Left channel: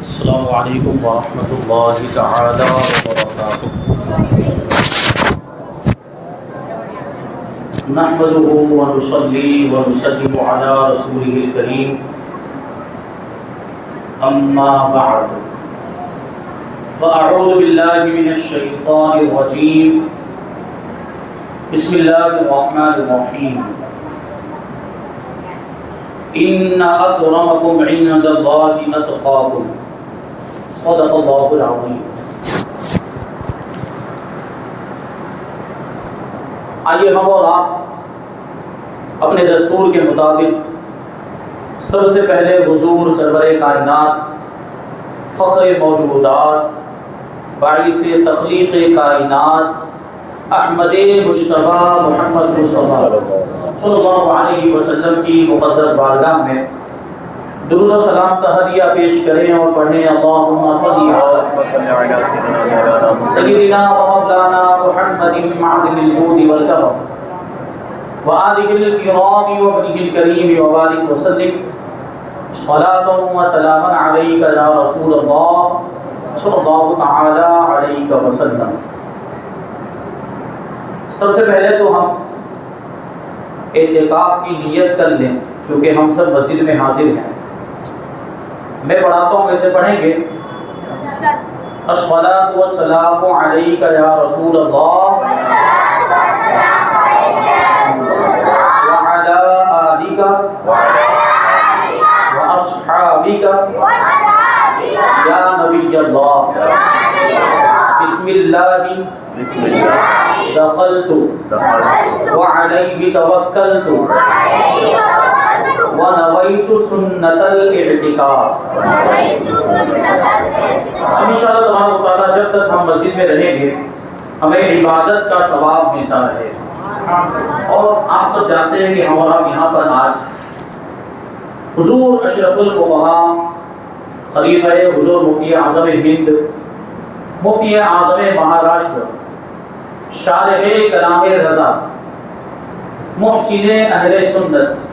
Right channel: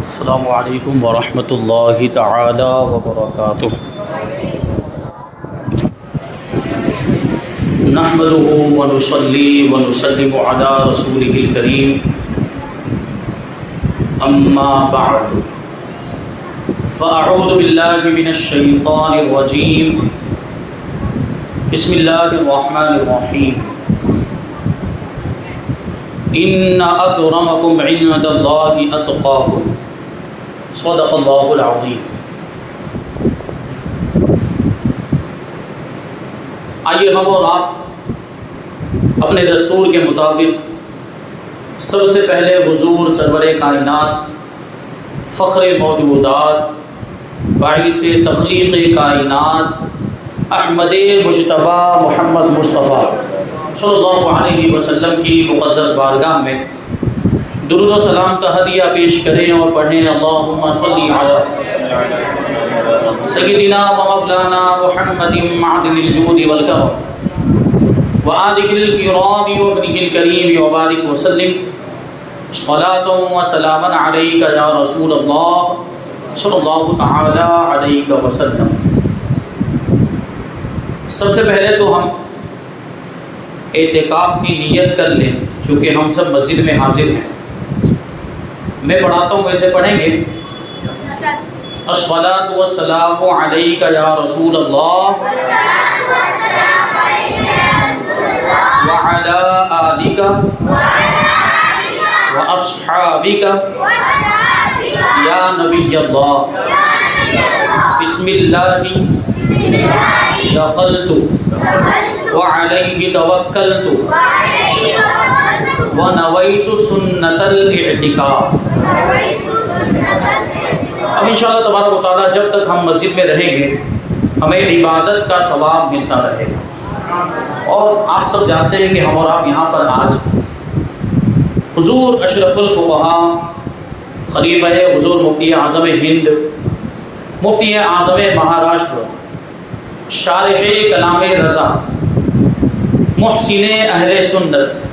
السلام علیکم ورحمۃ اللہ تعالی وبرکاتہ۔ نحمده ونصلي ونسلم على رسوله الكريم اما بعد فاعوذ باللہ من الشیطان الرجیم بسم اللہ الرحمن الرحیم ان اکرمکم عند اللہ اتقاکم صدق اللہ العظیم۔ آئیے ہم اور آپ اپنے دستور کے مطابق سب سے پہلے حضور سرور کائنات، فخر موجودات، باعث تخلیق کائنات، احمد مجتبی محمد مصطفیٰ صلی اللہ علیہ وسلم کی مقدس بارگاہ میں درود و سلام کا ہدیہ پیش کریں اور پڑھیں اللہم صلی علی سیدنا و مولانا محمد معدن الجود والکرم وآلہ الکرام وابنہ الکریم وبارک وسلم صلاۃ و سلاما علیک یا رسول اللہ صلی اللہ تعالی علیہ وسلم۔ سب سے پہلے تو ہم اعتکاف کی نیت کر لیں، چونکہ ہم سب مسجد میں حاضر ہیں۔ میں پڑھاتا ہوں، ویسے پڑھیں گے۔ الصلاۃ والسلام علیک یا رسول اللہ وعلی آلک واصحابک یا نبی اللہ بسم اللہ دخلت وعلیہ توکلت ونویت سنت الاعتکاف۔ اب انشاءاللہ تبارک و تعالیٰ جب تک ہم مسجد میں رہیں گے ہمیں عبادت کا ثواب ملتا رہے گا، اور آپ سب جانتے ہیں کہ ہم اور آپ یہاں پر آج حضور اشرف الفقہاء خلیفہ حضور مفتی اعظم ہند، مفتی اعظم مہاراشٹر، شارح کلام رضا، محسن اہل سنت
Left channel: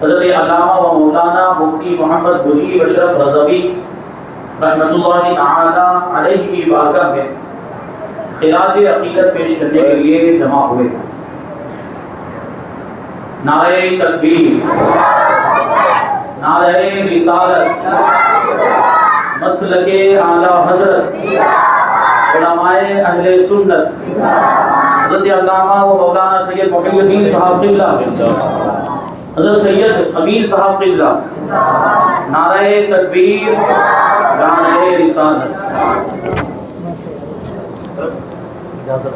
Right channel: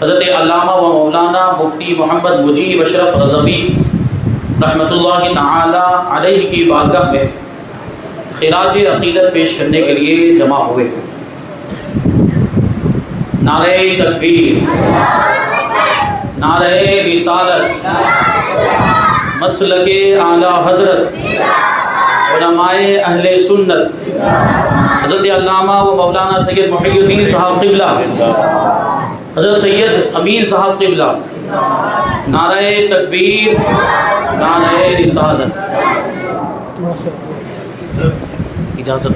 حضرت علامہ و مولانا مفتی محمد مجیب اشرف رضوی رحمۃ اللہ تعالی علیہ کی بارگاہ میں خراج عقیدت پیش کرنے کے لیے جمع ہوئے۔ نعرہ تکبیر، نعرہ رسالت، مسلک اعلی حضرت علماء اہل سنت حضرت علامہ و مولانا سید محی الدین صاحب قبلہ، حضرت سید امین صاحب قبلہ، نعرہ تکبیر، نعرہ رسالت۔ اجازت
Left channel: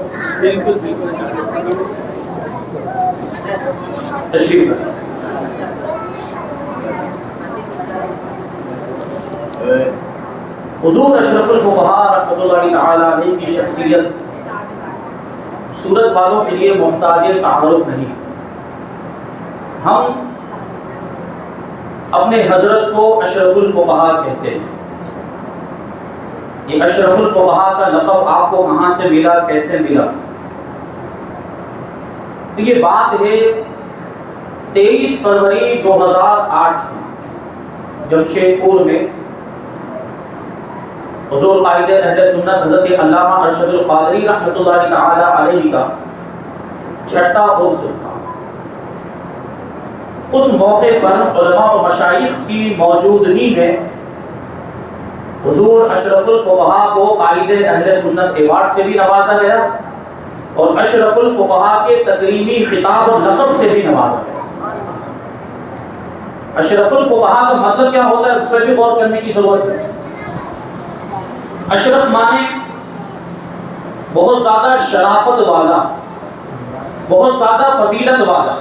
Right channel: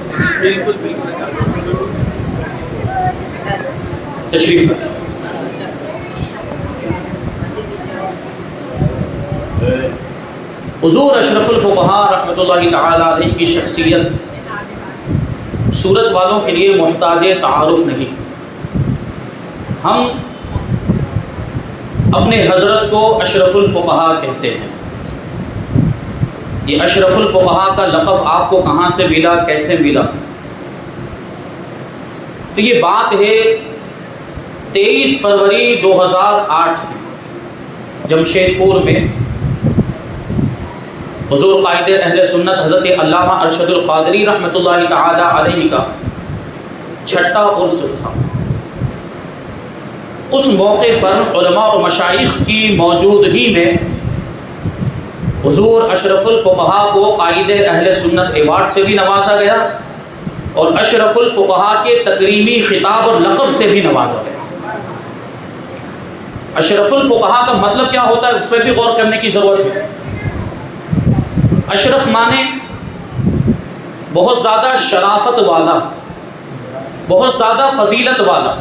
تشریف حضور اشرف الفقہاء رحمۃ اللہ تعالی علیہ کی شخصیت صورت والوں کے لیے محتاج تعارف نہیں۔ ہم اپنے حضرت کو اشرف الفقہاء کہتے ہیں۔ یہ اشرف الفقہاء کا لقب آپ کو کہاں سے ملا، کیسے ملا؟ تو یہ بات ہے 23 فروری 2008 کی جمشید پور میں حضور قائد اہل سنت حضرت علامہ ارشد القادری رحمۃ اللہ تعالی علیہ کا چھٹا عرس تھا۔ اس موقع پر علماء و مشائخ کی موجودگی میں حضور اشرف الفقہاء کو قائد اہل سنت ایوارڈ سے بھی نوازا گیا اور اشرف الفقہاء کے تکریمی خطاب اور لقب سے بھی نوازا گیا۔ اشرف الفقہاء کا مطلب کیا ہوتا ہے، اس پر بھی غور کرنے کی ضرورت ہے۔ اشرف مانے بہت زیادہ شرافت والا، بہت زیادہ فضیلت والا،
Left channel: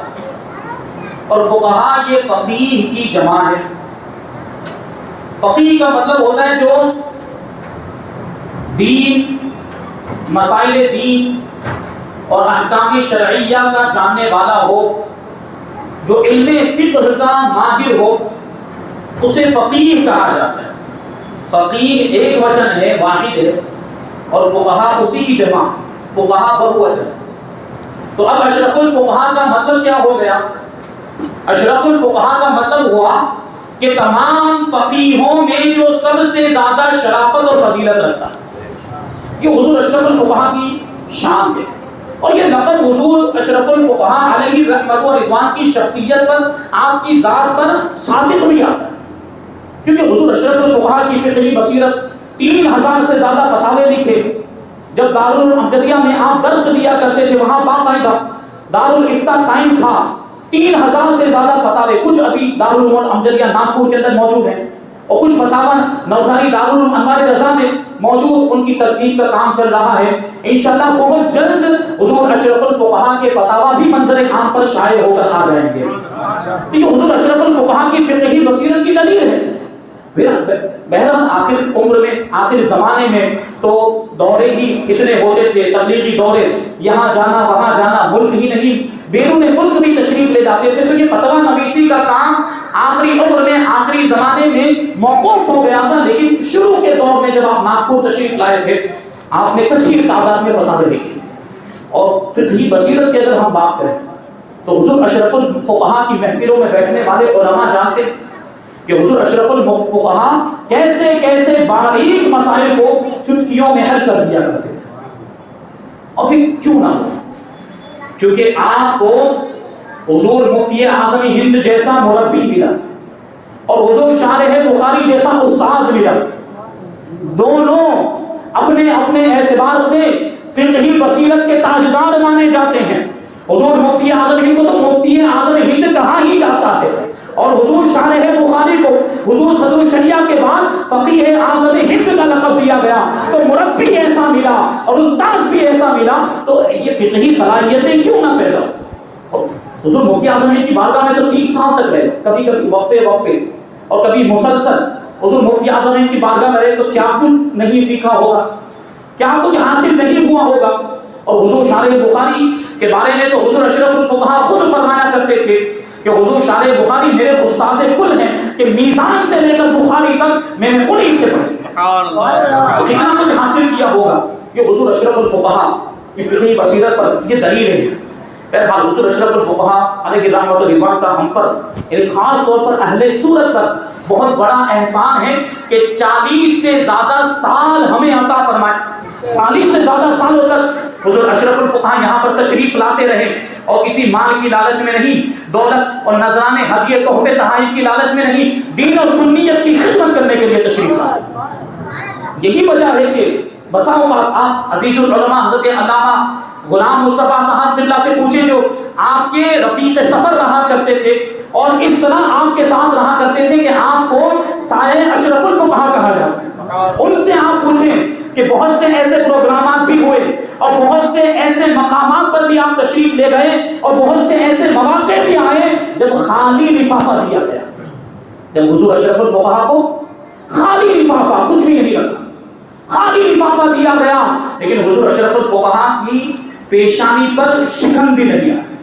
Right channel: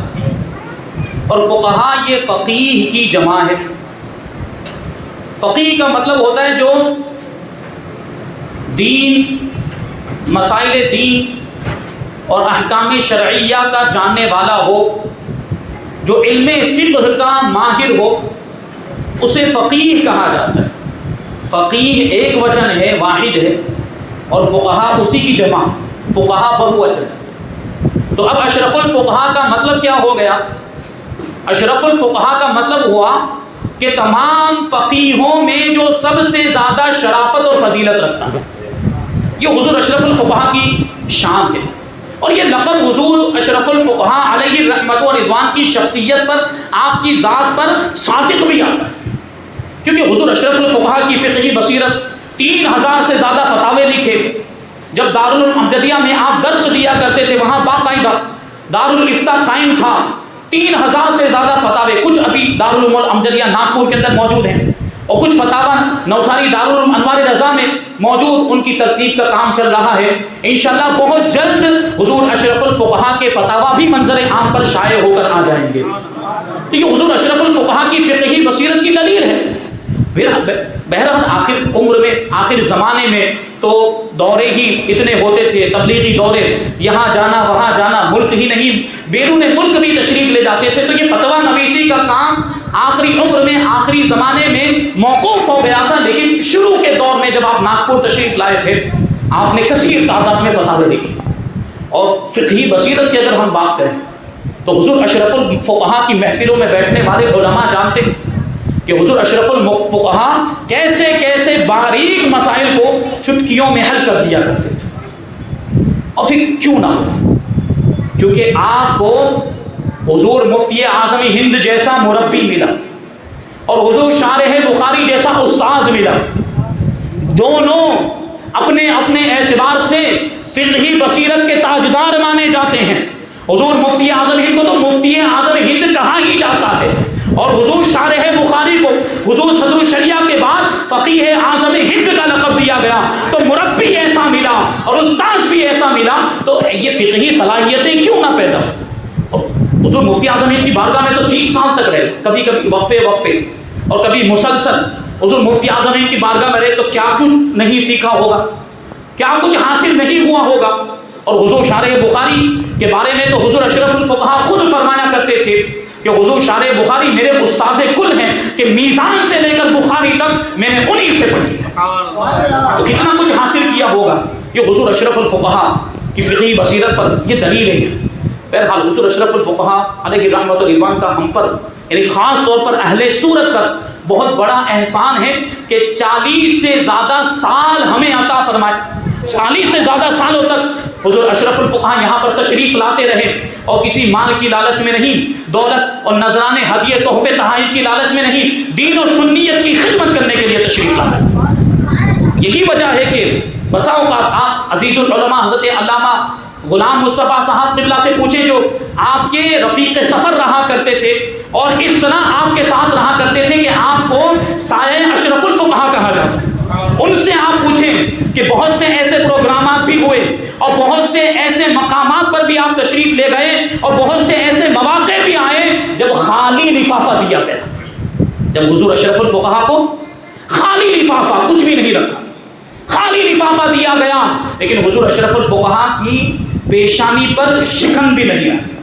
اور فقہاء یہ فقیہ کی جمع ہے۔ فقیہ کا مطلب ہوتا ہے جو دین، مسائل دین اور احکام شرعیہ کا جاننے والا ہو، جو علم فقہ کا ماہر ہو، اسے فقیہ کہا جاتا ہے۔ فقیہ ایک وچن ہے، واحد ہے، اور فقہاء اسی کی جمع، فقہاء بہو وچن۔ تو اب اشرف الفقہاء کا مطلب کیا ہو گیا؟ اشرف الفقہاء کا مطلب ہوا کہ تمام فقیہوں میں جو سب سے زیادہ یہ حضور اشرف الفقہا کی شان ہے، اور یہ لقب حضور اشرف الفقہا علیہ رحمت و رضوان کی شخصیت پر، آپ کی ذات پر صادق بھی آتا ہے، کیونکہ حضور اشرف الفقہا کی فقہی بصیرت 3000 سے زیادہ فتاوے لکھے. جب دارالعلوم امجدیہ میں آپ درس دیا کرتے تھے وہاں باقاعدہ دارالفتہ قائم تھا. 3000 سے زیادہ فتاوے، کچھ ابھی دارالعلوم امجدیہ ناگپور کے اندر موجود ہیں، اور کچھ فتاوی نوشہری دارالعلوم انوار رضا میں موجود، ان کی ترتیب کا کام چل رہا ہے. انشاءاللہ بہت جلد حضور اشرف الفقہا کے فتاوی بھی منظر عام پر شائع ہو کر آ جائیں گے. یہ حضور اشرف الفقہا کی فقہی بصیرت کی دلیل ہے. بہرحال آخر عمر میں، آخر زمانے میں تو دورے ہی اتنے ہوتے تھے، تبلیغی دورے، یہاں جانا وہاں جانا، ملک ہی نہیں بیرون ملک بھی تشریف لے جاتے تھے. تو یہ فتویٰ نویسی کا کام آخری عمر میں، آخری زمانے میں موقوف ہو گیا تھا. لیکن شروع کے دور میں جب آپ ناگپور تشریف لائے تھے، آپ نے کثیر تعداد میں فتاوے لکھے. اور فقہی بصیرت کی اگر ہم بات کریں تو حضور اشرف الفقہا کی محفلوں میں بیٹھنے والے علماء جانتے ہیں کہ حضور اشرف الفقہا کیسے کیسے باریک مسائل کو چٹکیوں میں حل کر دیا کرتے تھے. اور پھر کیوں نہ ہو، کیونکہ آپ کو حضور مفتی اعظم ہند جیسا مربی ملا اور حضور شارح بخاری جیسا استاذ ملا. دونوں اپنے اپنے اعتبار سے فقہی بصیرت کے تاجدار مانے جاتے ہیں. حضور مفتی اعظم ہند کو تو مفتی اعظم ہند کہا ہی جاتا ہے، اور حضور شارح بخاری کو حضور صدر الشریعہ کے بعد فقیہ اعظم ہند کا لقب دیا گیا. تو مربی ایسا ملا اور استاذ بھی ایسا ملا، تو یہ فقہی صلاحیتیں کیوں نہ پیدا ہو. حضور مفتی اعظم ہند کی بارگاہ میں تو 30 سال تک رہے، کبھی کبھی وقفے اور کبھی مسلسل. حضور مفتی اعظم ہند کی بارگاہ میں رہے تو کیا کچھ نہیں سیکھا ہوگا، کیا کچھ حاصل نہیں ہوا ہوگا. اور حضور شارح بخاری کے بارے میں تو حضور اشرف الفقہا خود فرمایا کرتے تھے کہ حضور شارح بخاری میرے استاذ کل ہیں، کہ میزان سے لے کر بخاری تک میں نے انہی سے پڑھی ہے. تو کتنا کچھ حاصل کیا ہوگا. یہ حضور اشرف الفقہا کی فقہی بصیرت پر یہ دلیل ہے. بہرحال حضور اشرف الفقہا علیہ رحمۃ اللہ کا ہم پر، یعنی خاص طور پر اہل سورت پر بہت بڑا احسان ہے کہ 40 سے زیادہ سال ہمیں عطا فرمائے. 40 سے زیادہ سالوں تک حضور اشرف الفقہا یہاں پر تشریف لاتے رہے، اور کسی مال کی لالچ میں نہیں، دولت اور نذرانے ہدیے تحفے تحائف کی لالچ میں نہیں، دین اور سنیت کی خدمت کرنے کے لیے تشریف لائے. یہی وجہ ہے کہ بسا اوقات آپ عزیز العلماء حضرت علامہ غلام مصطفیٰ صاحب قبلہ سے پوچھیں، جو آپ کے رفیق سفر رہا کرتے تھے اور اس طرح آپ کے ساتھ رہا کرتے تھے کہ آپ کو سائے اشرف الفقہا کہا جاتا ہے. ان سے آپ پوچھیں کہ بہت سے ایسے پروگرامات بھی ہوئے اور بہت سے ایسے مقامات پر بھی آپ تشریف لے گئے اور بہت سے ایسے مواقع بھی آئے جب خالی لفافہ دیا گیا، جب حضور اشرف الفقہا کو خالی لفافہ، کچھ بھی نہیں رکھا، خالی لفافہ دیا گیا، لیکن حضور اشرف الفقہا کی پیشانی پر شکن بھی نہیں آیا،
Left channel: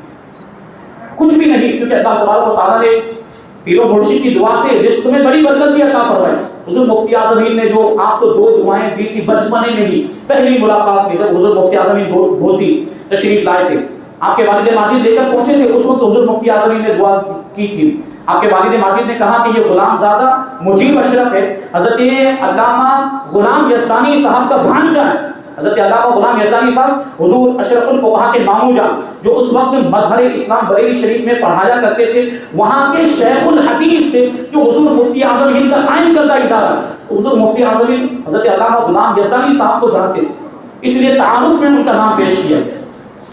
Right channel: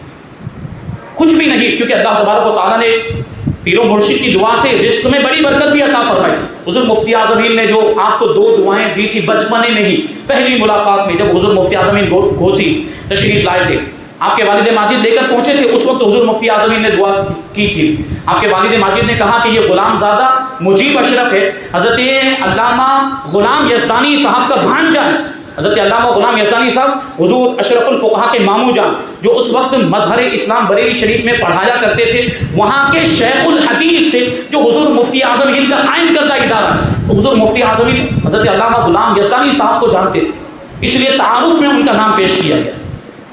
کچھ بھی نہیں، کیونکہ اللہ تبارک و تعالیٰ نے پیر و مرشد کی دعا سے رزق میں بڑی برکت بھی عطا فرمائی. حضور مفتی اعظم ہند نے جو آپ کو 2 دعائیں دی تھی بچپنے میں ہی، پہلی ملاقات میں جب حضور مفتی اعظم ہند گھوسی تشریف لائے تھے، آپ کے والد ماجد لے کر پہنچے تھے، اس وقت حضور مفتی اعظم ہند نے دعا کی تھی. آپ کے والد ماجد نے کہا کہ یہ غلام زادہ مجیب اشرف ہے، حضرت علامہ غلام یزدانی صاحب کا بھانجا ہے. حضرت علامہ غلام یزدانی صاحب حضور اشرف الفقہا کے ماموں جان، جو اس وقت مظہر اسلام بریلی شریف میں پڑھایا کرتے تھے، وہاں کے شیخ الحدیث تھے، جو حضور مفتی اعظم ہند کا قائم کردہ ادارہ. حضور مفتی اعظم ہند حضرت علامہ غلام یزدانی صاحب کو جانتے تھے، اس لیے تعارف میں ان کا نام پیش کیا گیا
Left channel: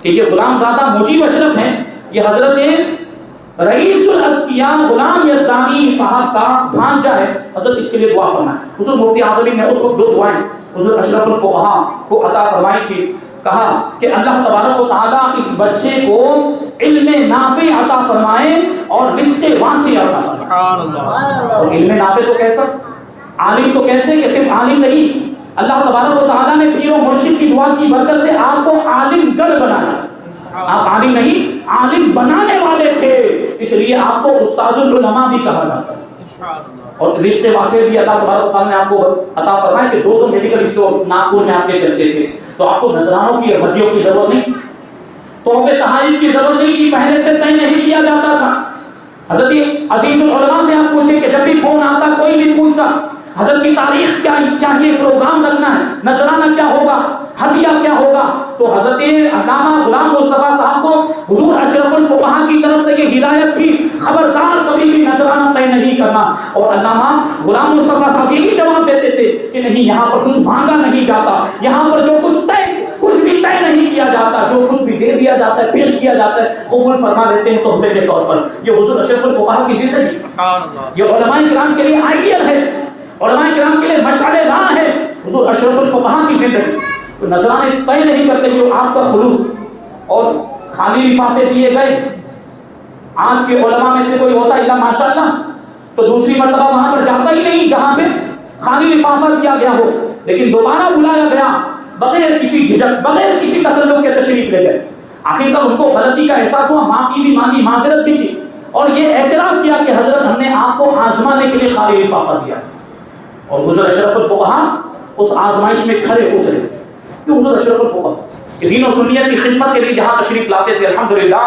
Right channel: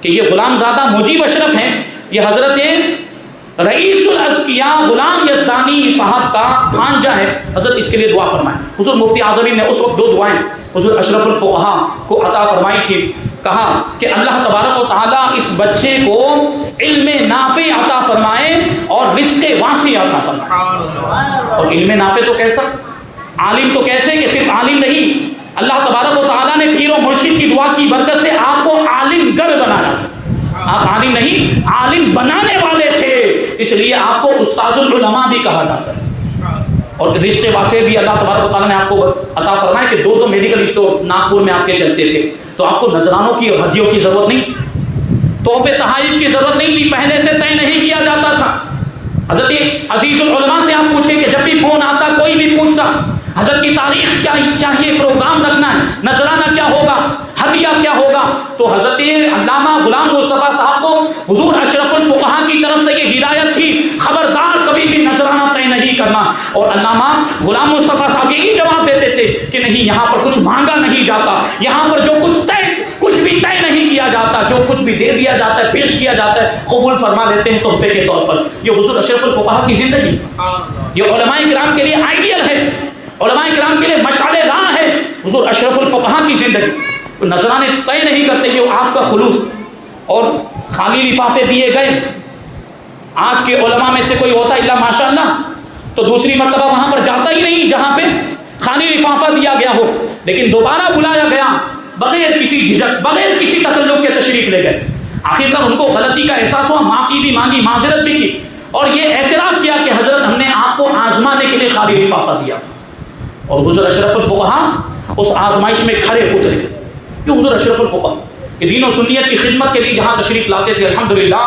کہ یہ غلام زادہ مجیب اشرف ہیں، یہ حضرت رئیس الاسقیاء غلام یزدانی صاحب کا بھانجا ہے. حضرت اس کے لیے دعا فرمائیں. حضور مفتی اعظم ہند نے اس وقت 2 دعائیں حضور اشرف الفقہا کو عطا فرمائی تھی. کہا کہ اللہ تبارک و تعالیٰ اس بچے کو علم نافع عطا فرمائے اور رزق واسع عطا فرمائے. اور علم نافع تو کیسا، عالم تو کیسے کہ صرف عالم نہیں، اللہ تبارک و تعالیٰ نے پیر و مرشد کی دعا کی برکت سے آپ کو عالم گڑھ بنایا. آپ عالم نہیں، عالم بنانے والے تھے، اس لیے آپ کو استاذ العلماء بھی کہا جاتا ہے. اور رشتے واسطے بھی اللہ تبارک و تعالیٰ نے آپ کو عطا فرمایا کہ 2 میڈیکل اسٹور ناگپور میں آپ کے چلتے تھے، تو آپ کو نذرانوں کی اور ہدیوں کی ضرورت نہیں تھی، تحفے تحائف کی ضرورت نہیں تھی، پہلے سے طے نہیں کیا جاتا تھا. حضرت عزیز العلماء سے آپ پوچھیں کہ جب بھی فون آتا کوئی بھی پوچھتا حضرت کی تاریخ کیا چاہیے، پروگرام رکھنا ہے، نذرانہ کیا ہوگا، مصطفیٰ صاحب یہی جواب دیتے تھے کہ نہیں، یہاں پر کچھ مانگا نہیں جاتا، یہاں پر جو کچھ بھی طے نہیں کیا جاتا، جو کچھ بھی دے دیا جاتا ہے، پیش کیا جاتا ہے، قبول فرما لیتے ہیں تحفے کے طور پر۔ یہ حضور اشرف الفقہا کی زندگی، یہ علماء کرام کے لیے آئیڈیل ہے، علماء کرام کے لیے مشعل راہ ہے حضور اشرف الفقہا کی زندگی۔ نذرانے طے نہیں کرتے کہ وہ آپ کا خلوص اور خالی لفافے دیے گئے۔ آج کے علماء میں سے کوئی ہوتا ہے اللہ ماشاءاللہ تو دوسری مرتبہ وہاں پر جاتا ہی نہیں جہاں پہ خالی لفافہ دیا گیا ہو، لیکن دوبارہ بلایا گیا بغیر کسی جھجک، بغیر کسی تکلف کے تشریف لے گئے۔ آخرکار ان کو غلطی کا احساس ہوا، معافی بھی مانگی، معذرت بھی کی، اور یہ اعتراف کیا کہ حضرت ہم نے آپ کو آزمانے کے لیے خالی لفافہ دیا تھا۔ اور حضور اشرف الفقہا اس آزمائش میں کھڑے اترے۔ یہ حضور اشرف الفقہا کہ دین و سنیت کی خدمت کے لیے جہاں تشریف لاتے تھے الحمدللہ،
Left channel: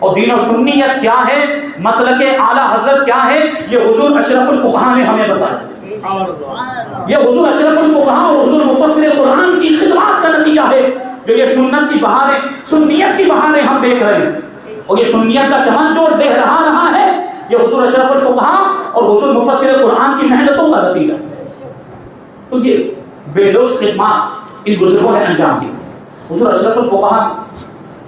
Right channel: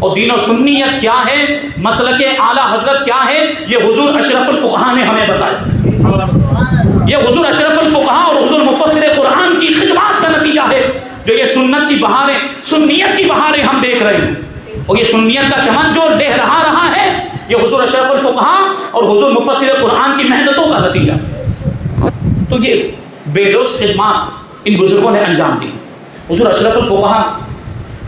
اور دین و سنیت کیا ہے، مسلک اعلیٰ حضرت کیا ہے، یہ حضور اشرف الفقہا نے ہمیں بتایا۔ یہ حضور اشرف الفقہا اور حضور مفسر قرآن کی خدمات کا نتیجہ ہے جو یہ سنت کی بہاریں، سنیت کی بہاریں ہم دیکھ رہے ہیں، اور یہ سنیت کا چمن جو لہرا رہا ہے یہ حضور اشرف الفقہا اور حضور مفسر قرآن کی محنتوں کا نتیجہ۔ تو یہ بے لوث خدمات ان بزرگوں نے انجام دی۔ حضور اشرف الفقہا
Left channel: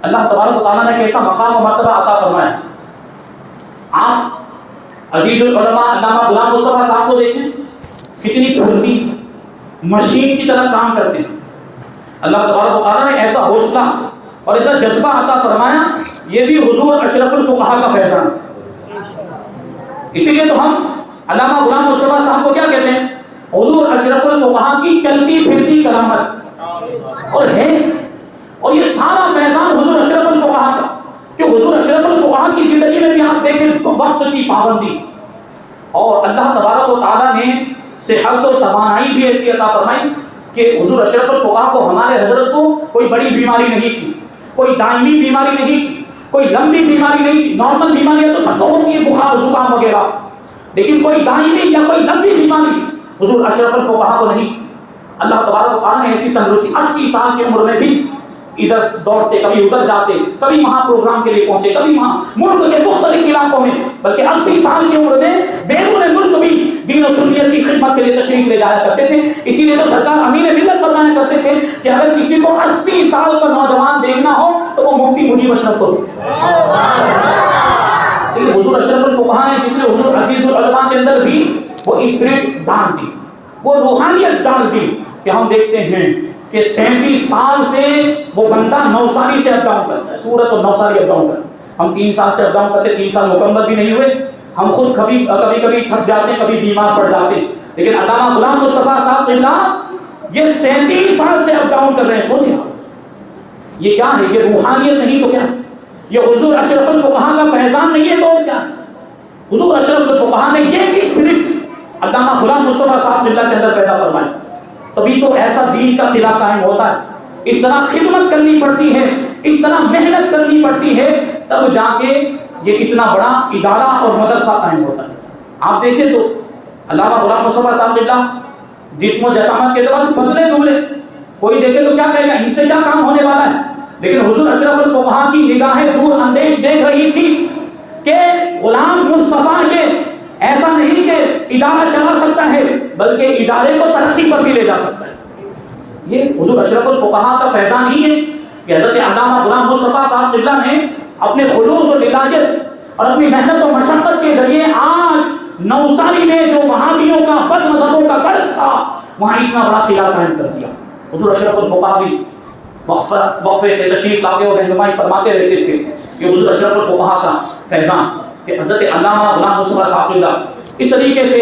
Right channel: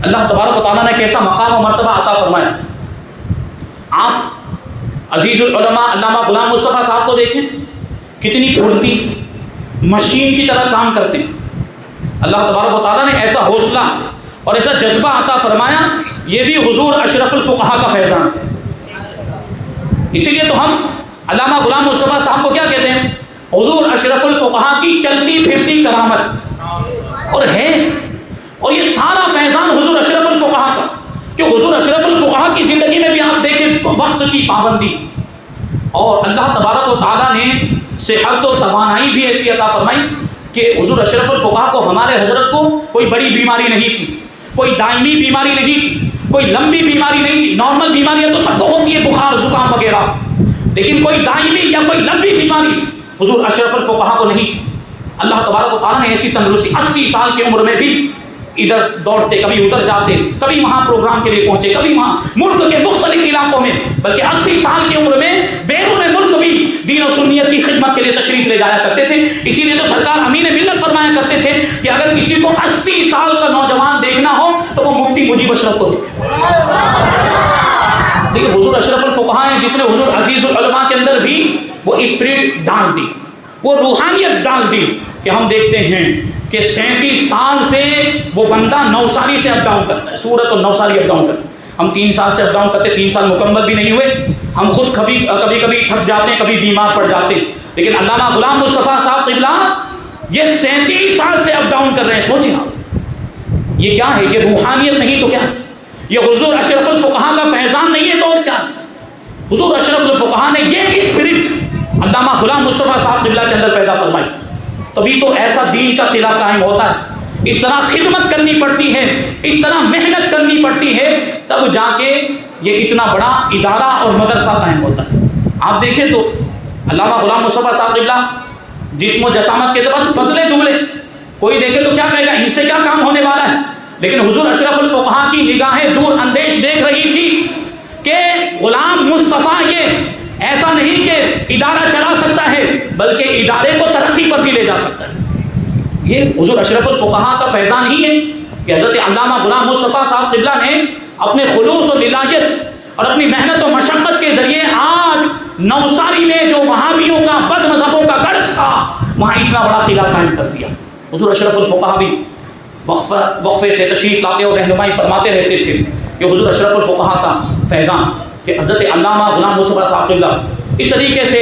اللہ تبارک و تعالیٰ نے کیسا مقام و مرتبہ عطا فرمایا۔ آپ عزیز العلماء علامہ غلام مصطفیٰ صاحب کو دیکھیں، کتنی پھرتی مشین کی طرح کام کرتے ہیں۔ اللہ تبارک و تعالیٰ نے ایسا حوصلہ اور ایسا جذبہ عطا فرمایا، یہ بھی حضور اشرف الفقہا کا فیضان۔ اسی لیے تو ہم علامہ غلام مصطفیٰ صاحب کو کیا کہتے ہیں؟ حضور اشرف الفقہا کی چلتی پھرتی کرامت، اور ہے، اور یہ سارا فیضان حضور اشرف الفقہا کا، کہ حضور اشرف الفقہا کی زندگی میں بھی آپ دیکھیں وقت کی پابندی، اور اللہ تبارک و تعالیٰ نے صحت و توانائی بھی ایسی عطا فرمائی کہ حضور اشرف الفقہا کو، ہمارے حضرت کو کوئی بڑی بیماری نہیں تھی، کوئی دائمی بیماری نہیں تھی، کوئی لمبی بیماری نہیں تھی۔ نارمل بیماریاں تو سب کو ہوتی ہے، بخار زکام وغیرہ، لیکن کوئی دائمی یا کوئی لمبی بیماری حضور اشرف الفقہا کو نہیں تھی۔ اللہ تبارک و تعالیٰ نے ایسی تندرستی، 80 سال کی عمر میں بھی ادھر دوڑتے، کبھی ادھر جاتے، کبھی وہاں پروگرام کے لیے پہنچے، کبھی وہاں ملک کے مختلف علاقوں میں، بلکہ 80 سال کی عمر میں بیرون ملک بھی دین و سنیت کی خدمت کے لیے تشریف لے جایا کرتے تھے۔ اسی لیے تو سرکار امین ملت فرمایا کرتے تھے کہ اگر کسی کو 80 سال کا نوجوان دیکھنا ہو تو وہ مفتی مجیب اشرف کو دیکھے۔ دیکھیں حضور اشرف الفقہا ہیں جس نے حضور عزیز العلماء کے اندر بھی وہ اسپرٹ ڈال دی، وہ روحانیت ڈال دی، کہ ہم دیکھتے ہیں کہ 37 سال سے وہ بندہ 9 سالی سے اپ ڈاؤن کرتا ہے، سورت اور 9 سالی اپ ڈاؤن کرتا ہے۔ ہم 3 سال سے اپ ڈاؤن کرتے، 3 سال مکمل بھی نہیں ہوئے، ہم خود کبھی کبھی تھک جاتے ہیں، کبھی بیمار پڑ جاتے ہیں، لیکن علامہ غلام مصطفیٰ صاحب قبلہ یہ 37 سال سے اپ ڈاؤن کر رہے ہیں۔ سوچیں یہ کیا ہے؟ یہ روحانیت نہیں تو کیا؟ یہ حضور اشرف الفقہا کا فیضان نہیں ہے تو اور کیا؟ حضور اشرف الفقہا نے یہ اسپرٹ علامہ غلام مصطفیٰ صاحب قبلہ کے اندر پیدا فرمائی، تبھی تو ایسا دین کا قلعہ قائم ہوتا ہے۔ اس طرح خدمت کرنی پڑتی ہے، اس طرح محنت کرنی پڑتی ہے، تب جا کے یہ اتنا بڑا ادارہ اور مدرسہ قائم ہوتا ہے۔ آپ دیکھیں تو علامہ غلام مصطفیٰ صاحب قبلہ جسم و جسامت کے اعتبار سے پتلے دبلے، کوئی دیکھے تو کیا کہے گا ان سے کیا کام ہونے والا ہے، لیکن حضور اشرف الفقہا کی نگاہیں دور اندیش دیکھ رہی تھی کہ غلام مصطفیٰ یہ ایسا نہیں کہ ادارہ چلا سکتا ہے بلکہ ادارے کو ترقی پر بھی لے جا سکتا ہے۔ یہ حضور اشرف الفقہا کا فیضان ہی ہے کہ حضرت علامہ غلام مصطفیٰ صاحب قبلہ نے اپنے خلوص و للہیت اور اپنی محنت و مشقت کے ذریعے آج نوساری میں جو وہابیوں کا، بد مذہبوں کا گڑھ تھا، وہاں اتنا بڑا قلعہ قائم کر دیا۔ حضور اشرف الفقہا بھی وقفے سے تشریف لاتے اور رہنمائی فرماتے رہتے تھے کہ حضور اشرف الفقہا کا فیضان کہ حضرت علامہ غلام مصطفیٰ صاحب قبلہ اس طریقے سے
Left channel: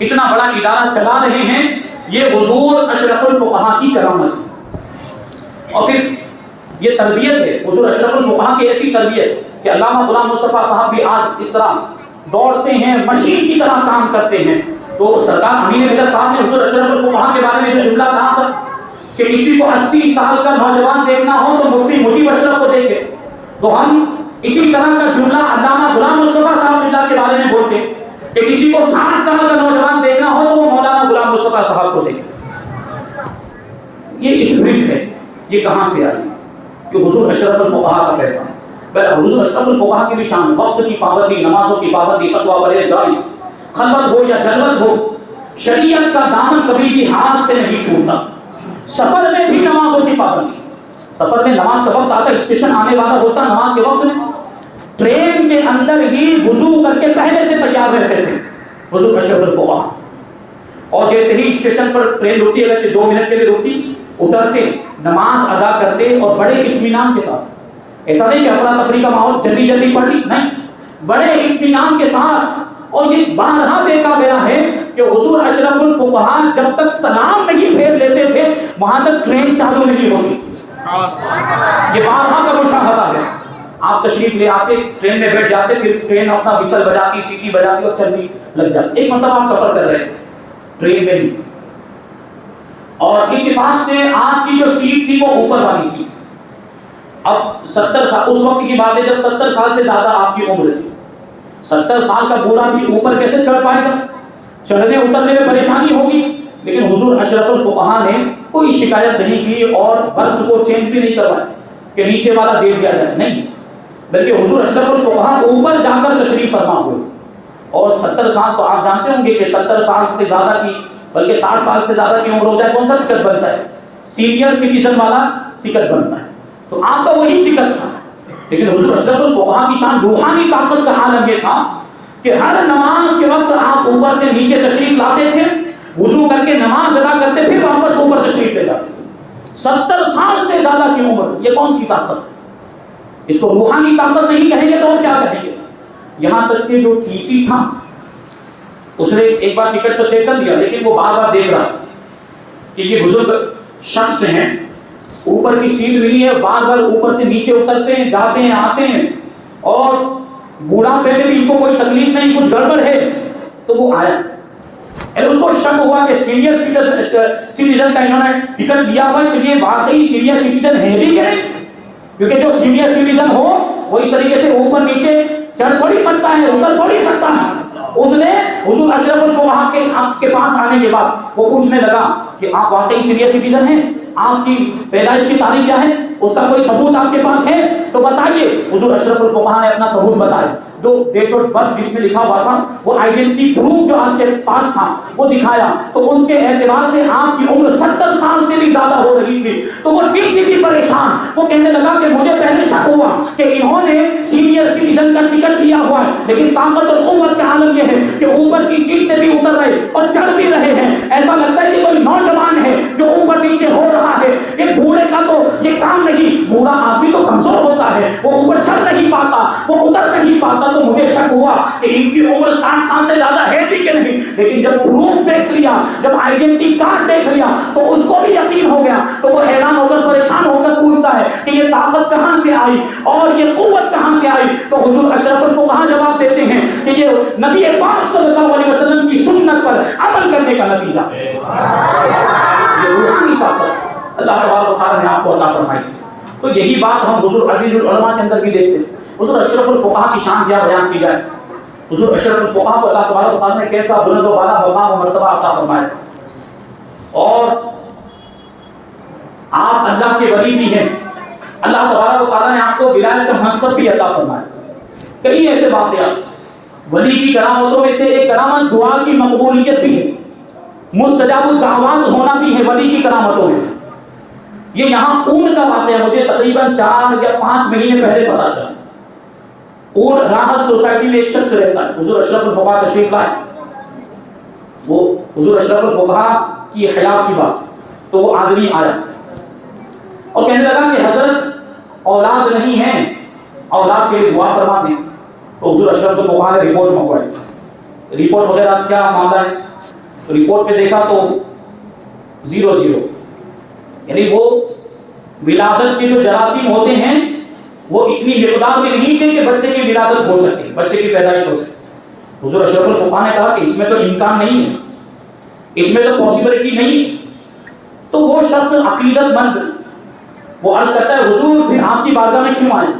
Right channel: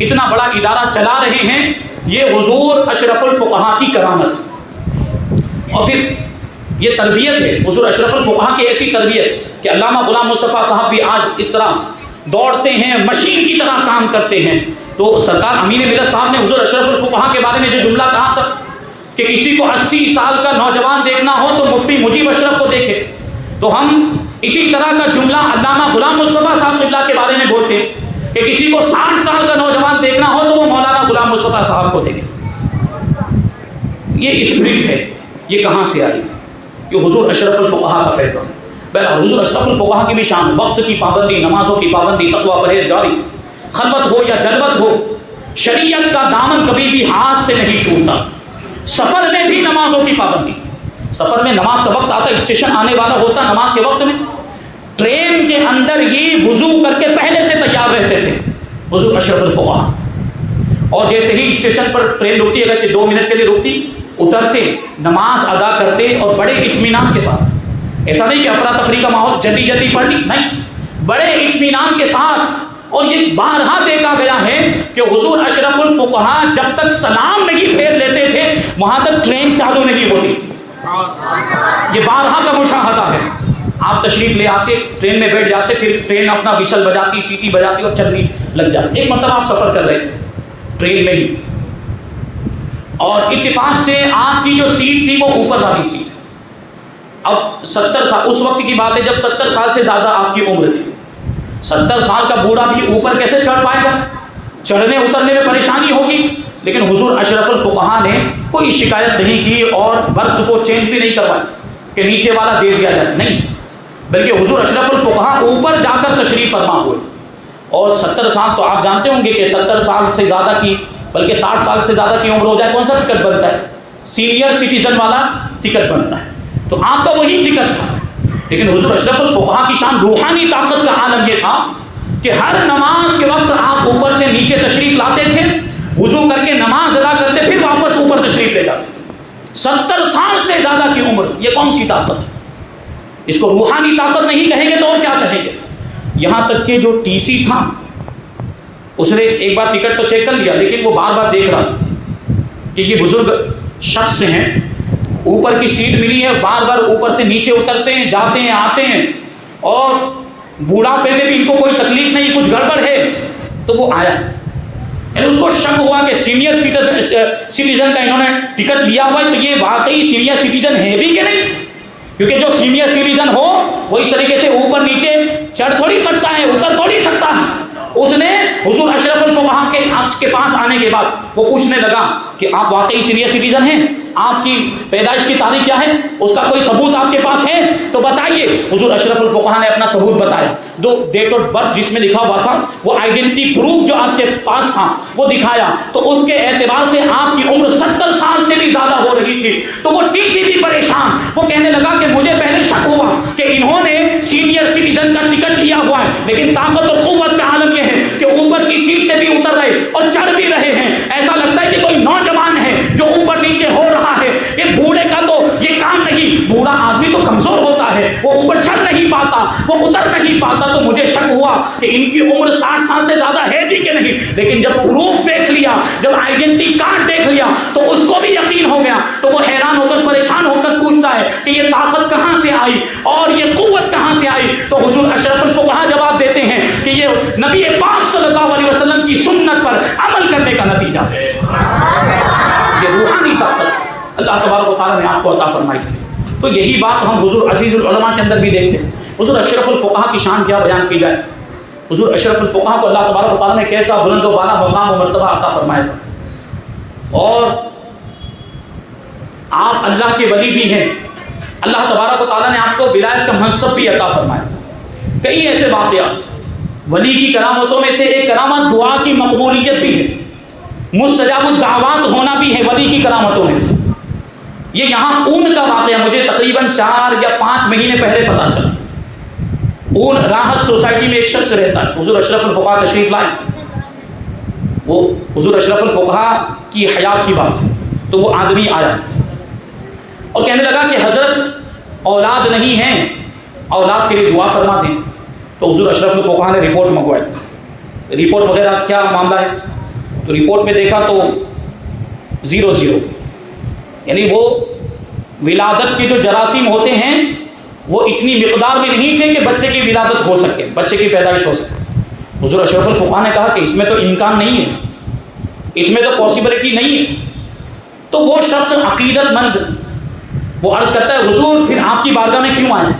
اتنا بڑا ادارہ چلا رہے ہیں، یہ حضور اشرف الفقہا کی کرامت۔ اور پھر یہ تربیت ہے حضور اشرف الفقہا کی، ایسی تربیت کہ علامہ غلام مصطفیٰ صاحب بھی آج اس طرح دوڑتے ہیں، مشین کی طرح کام کرتے ہیں۔ تو سرکار امین ملت صاحب نے حضور اشرف الفقہا کے بارے میں جو جملہ کہا تھا کہ کسی کو 80 سال کا نوجوان دیکھنا ہو تو مفتی مجیب اشرف کو دیکھے، تو ہم اسی طرح کا جملہ علامہ غلام مصطفیٰ صاحب قبلہ کے بارے میں بولتے ہیں کہ کسی کو 60 سال کا نوجوان دیکھنا ہو تو وہ مولانا غلام مصطفیٰ صاحب کو دیکھے۔ یہ اسپرٹ ہے، یہ کہاں سے آئی؟ یہ حضور اشرف الفقہا کا فیضان ہے۔ بہرحال حضور اشرف الفقہا کی بھی شان، وقت کی پابندی، نمازوں کی پابندی، تقویٰ پرہیزگاری، خلوت ہو یا جلوت ہو، شریعت کا دامن کبھی بھی ہاتھ سے نہیں چھوٹتا. سفر میں بھی نمازوں کی پابندی. سفر میں نماز کا وقت آتا، اسٹیشن آنے والا ہوتا نماز کے وقت میں، ٹرین کے اندر ہی وضو کر کے پہلے سے تیار رہتے تھے حضور اشرف الفقہا. اور جیسے ہی اسٹیشن پر ٹرین رکتی، اگرچہ 2 منٹ کے لیے رکتی، اترتے، نماز ادا کرتے اور بڑے اطمینان کے ساتھ. ایسا نہیں کہ افراتفری کا ماحول جلدی جلدی پڑھ لی، نہیں، بڑے اطمینان کے ساتھ. اور یہ بارہا دیکھا گیا ہے کہ حضور اشرف الفقہا جب تک سلام نہیں پھیر لیتے تھے وہاں تک ٹرین چالو نہیں ہوتی. یہ بارہا کا مشاہدہ ہے. آپ تشریف لے آتے، ٹرین میں بیٹھ جاتے، پھر ٹرین اپنا وشل بجاتی، سیٹی بجاتی اور چلنی لگ جاتی. ایک مطلب آپ سفر کر رہے تھے ٹرین میں ہی، اور اتفاق سے آپ کی جو سیٹ تھی وہ اوپر والی سیٹ. اب 70 سال، اس وقت کی بات ہے جب 70 سال سے زیادہ آپ کی عمر تھی. 70 سال کا بوڑھا بھی اوپر کیسے چڑھ پائے گا؟ چڑھنے اترنے میں پریشانی ہوگی. لیکن حضور اشرف الفقہا نے کوئی شکایت نہیں کی اور برتھ کو چینج بھی نہیں کروایا کہ نیچے والا دے دیا جائے، نہیں، بلکہ حضور اشرف الفقہا اوپر جا کر تشریف فرما ہوئے. اور 70 سال تو آپ جانتے ہوں گے کہ 70 سال سے زیادہ کی، بلکہ 60 سال سے زیادہ کی عمر ہو جائے کون سا ٹکٹ بنتا ہے؟ سینئر سٹیزن والا ٹکٹ بنتا ہے. تو آپ کا وہی ٹکٹ تھا. لیکن حضور اشرف الفقہا کی شان روحانی طاقت کا عالم یہ تھا کہ ہر نماز کے وقت آپ اوپر سے نیچے تشریف لاتے تھے، وضو کر کے نماز ادا کرتے، پھر واپس اوپر تشریف لے جاتے تھے. 70 سال سے زیادہ کی عمر، یہ کون سی طاقت ہے؟ اس کو روحانی طاقت نہیں کہیں گے تو اور کیا کہیں گے؟ یہاں تک کہ جو ٹی سی تھا اس نے ایک بار ٹکٹ تو چیک کر لیا، لیکن وہ بار بار دیکھ رہا تھا کہ یہ بزرگ شخص ہیں، اوپر کی سیٹ ملی ہے، بار بار اوپر سے نیچے اترتے ہیں، جاتے ہیں، آتے ہیں، اور بوڑھاپے میں بھی ان کو کوئی تکلیف نہیں، کچھ گڑبڑ ہے. تو وہ آیا، یعنی اس کو شک ہوا کہ سینئر سٹیزن کا انہوں نے ٹکٹ لیا ہوا ہے، تو یہ واقعی سینئر سٹیزن ہے بھی کہ نہیں؟ کیونکہ جو سینئر سٹیزن ہو وہ اس طریقے سے اوپر نیچے چڑھ تھوڑی سکتا ہے، اتر تھوڑی سکتا ہے. اس نے حضور اشرف الفقہا کے آپ کے پاس آنے کے بعد وہ پوچھنے لگا کہ آپ واقعی سینئر سٹیزن ہیں، آپ کی پیدائش کی تاریخ کیا ہے، اس کا کوئی ثبوت آپ کے پاس ہے تو بتائیے. حضور اشرف الفقہا نے اپنا ثبوت بتایا، جو ڈیٹ آف برتھ جس میں لکھا ہوا تھا، وہ آئیڈینٹی پروف جو آپ کے پاس تھا وہ دکھایا. تو اس کے اعتبار سے آپ کی عمر 70 سال سے بھی زیادہ ہو رہی تھی. تو وہ ٹی سی بھی پریشان، وہ کہنے لگا کہ مجھے پہلے شک ہوا کہ انہوں نے سینئر سٹیزن کا ٹکٹ لیا ہوا ہے، لیکن طاقت اور قوت کا عالم یہ ہے کہ اوپر کی سیٹ سے بھی اتر رہے اور چڑھ بھی رہے ہیں. ایسا لگتا ہے کہ کوئی نوجوان ہے جو اوپر نیچے ہو رہا ہے. یہ بوڑھے کا تو یہ کام نہیں، بوڑھا آدمی تو کمزور ہوتا ہے، وہ اوپر چڑھ نہیں پاتا، وہ اتر نہیں پاتا. تو مجھے شک ہوا کہ ان کی عمر 60 سال سے زیادہ ہے بھی کہ نہیں. لیکن جب پروف دیکھ لیا، جب آئیڈینٹی کارڈ دیکھ لیا تو اس کو بھی یقین ہو گیا. تو وہ حیران ہو کر، پریشان ہو کر پوچھتا ہے کہ یہ طاقت کہاں سے آئی اور یہ قوت کہاں سے آئی. تو حضور اشرف الفقہا جواب دیتے ہیں کہ یہ نبی پاک صلی اللہ علیہ وسلم کی سنت پر عمل کرنے کا نتیجہ ہے. یہ روحانی طاقت اللہ تبارک و تعالیٰ نے آپ کو عطا فرمائی تھی. تو یہی بات ہم حضور عزیز العلماء کے اندر بھی دیکھتے ہیں. حضور اشرف الفقہا کی شان کیا بیان کی جائے. حضور اشرف الفقہا کو اللہ تبارک و تعالیٰ نے کیسا بلند و بالا مقام و مرتبہ عطا فرمایا تھا. اور آپ اللہ کے ولی بھی ہیں. اللہ تبارک و تعالیٰ نے آپ کو ولایت کا منصب بھی عطا فرمایا تھا. کئی ایسے واقعات، ولی کی کرامتوں میں سے ایک کرامت دعا کی مقبولیت بھی ہے، مستجاب الدعوات ہونا بھی ہے ولی کی کرامتوں میں. یہ یہاں اون کا واقعہ مجھے تقریباً 4 یا 5 مہینے پہلے پتا چلا. اون راحت سوسائٹی میں ایک شخص رہتا ہے. حضور اشرف الفقہا تشریف لائے. وہ حضور اشرف الفقہا کی حیات کی بات ہے. تو وہ آدمی آیا اور کہنے لگا کہ حضرت اولاد نہیں ہے، اولاد کے لیے دعا فرما دیں. تو حضور اشرف الفقہا نے رپورٹ منگوائی. رپورٹ وغیرہ کیا معاملہ ہے؟ تو رپورٹ میں دیکھا تو 0 یعنی وہ ولادت کے جو جراثیم ہوتے ہیں وہ اتنی مقدار میں نہیں تھے کہ بچے کی ولادت ہو سکے، بچے کی پیدائش ہو سکے. حضور اشرف الفقہا نے کہا کہ اس میں تو امکان نہیں ہے، اس میں تو پاسبلٹی نہیں ہے. تو وہ شخص عقیدت مند وہ عرض کرتا ہے حضور پھر آپ کی بارگاہ میں کیوں آئے؟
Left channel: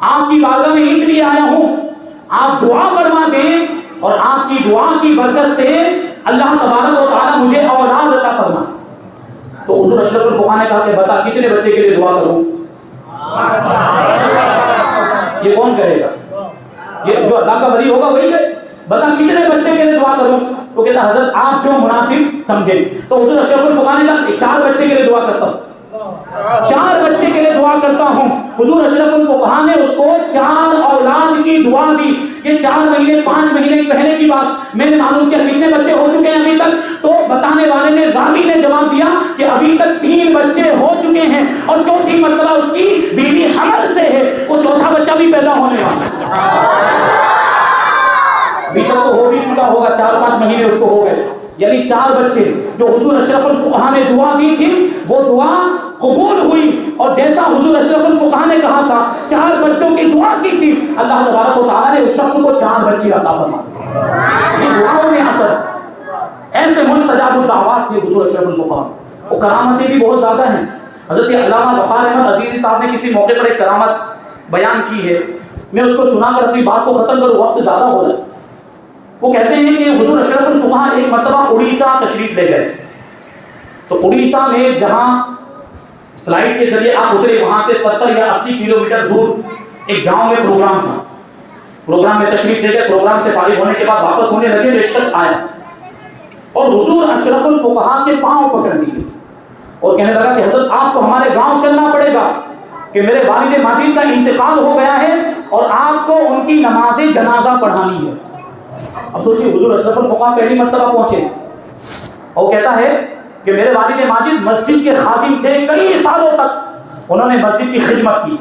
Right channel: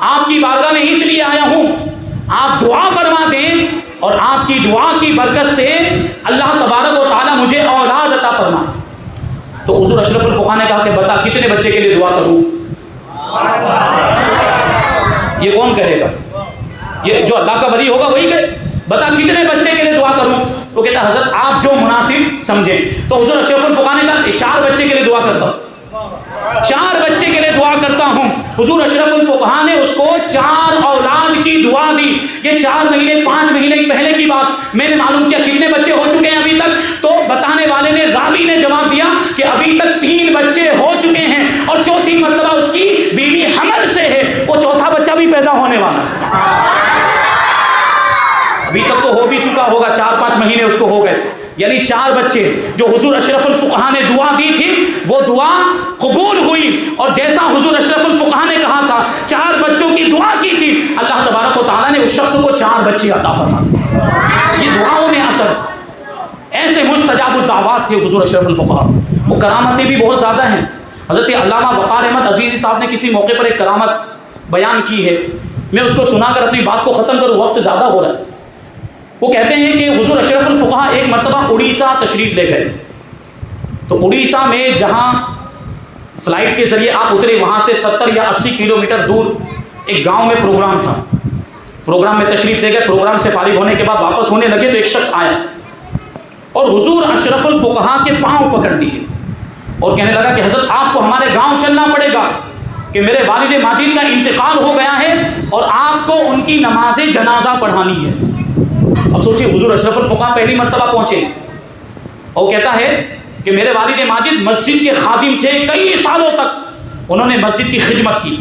آپ کی بارگاہ میں اس لیے آیا ہوں آپ دعا فرما دیں اور آپ کی دعا کی برکت سے اللہ تبارک و تعالیٰ مجھے اولاد عطا فرمائے. تو حضور اشرف الفقہا نے کہا کہ بتا کتنے بچے کے لیے دعا کروں؟ یہ کون کہے گا؟ یہ جو اللہ کا ولی ہوگا وہی کہے. بتا کتنے بچے کے لیے دعا کروں؟ تو کہتا ہے حضرت آپ جو مناسب سمجھیں. تو حضور اشرف الفقہاء نے کہا 4 بچے کے لیے دعا کرتا ہوں, 4 بچے کے لیے دعا کرتا ہوں. حضور اشرف الفقہاء نے اس کو 4 اولاد کی دعا دی. یہ 4 مہینے 5 مہینے پہلے کی بات. میں نے معلوم کیا کتنے بچے ہو چکے ہیں ابھی تک, تو بتانے والے نے راوی نے جواب دیا کہ ابھی تک 3 بچے ہو چکے ہیں اور چوتھی مرتبہ اس کی بیوی حمل سے ہے, وہ چوتھا بچہ بھی پیدا ہونے والا ہے. ابھی تک تو ہو بھی چکا ہوگا, 4-5 مہینے اس کو ہو گئے. یعنی 4 بچے جو حضور اشرف الفقہاء نے دعا دی تھی وہ دعا قبول ہوئی. اور جیسا حضور اشرف الفقہاء نے کہا تھا 4 بچوں کی دعا کی تھی, اللہ تبارک و تعالیٰ نے اس شخص کو 4 بچے عطا فرما دی. یہ دعاؤں میں اثر, ایسے مستجاب الدعوات تھے حضور اشرف الفقہاء. وہ کرامتیں بھی بہت زیادہ ہیں. حضرت علامہ وقار احمد عزیزی صاحب نے کسی موقع پر ایک کرامت بیان کی ہے, میں اس کو سنا کر اپنی بات کو ختم کروں, وقت زیادہ ہو رہا ہے. وہ کہتے ہیں کہ حضور اشرف الفقہاء ایک مرتبہ اڑیسہ تشریف لے گئے. تو اڑیسہ میں جہاں فلائٹ کے ذریعے آپ اترے وہاں سے 70 یا 80 کلومیٹر دور ایک گاؤں میں پروگرام تھا. پروگرام میں تشریف لے گئے. پروگرام سے فارغ ہونے کے بعد واپس ہونے لگے تو ایک شخص آیا اور حضور اشرف الفقہاء کے پاؤں پکڑ لیے اور کہنے لگا کہ حضرت آپ کو ہمارے گاؤں چلنا پڑے گا کہ میرے والد ماجد کا انتقال ہو گیا ہے اور آپ کو ان کی نماز جنازہ پڑھانی ہے. اب سوچیے حضور اشرف الفقہاء پہلی مرتبہ پہنچے اور کہتا ہے کہ میرے والد ماجد مسجد کے خادم تھے, کئی سالوں تک انہوں نے مسجد کی خدمت کی.